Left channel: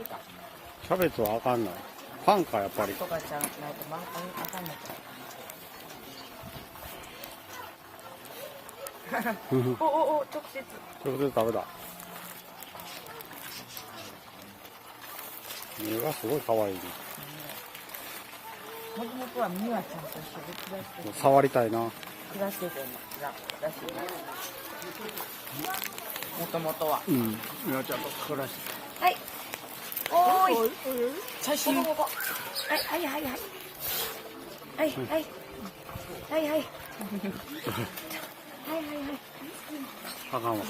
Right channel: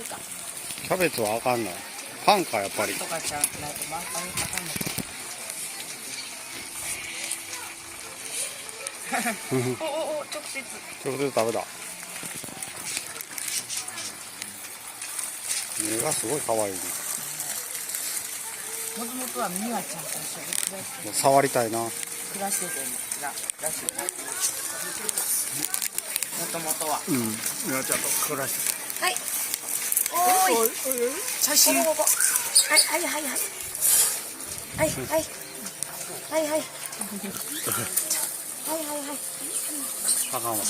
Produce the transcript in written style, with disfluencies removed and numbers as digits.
いか。キャベツはあかんな。パンかやっぱり。とかじゃないとあかんのか。お、直接。直接食べた。目がすごい可愛いね。もともとはミワちゃんと一緒で暮らしてもう触りたいな。暮らしててらしいな。もともとは。うん。ミワちゃんと暮らしてはい。おい。写真。はい。た。あかんわ。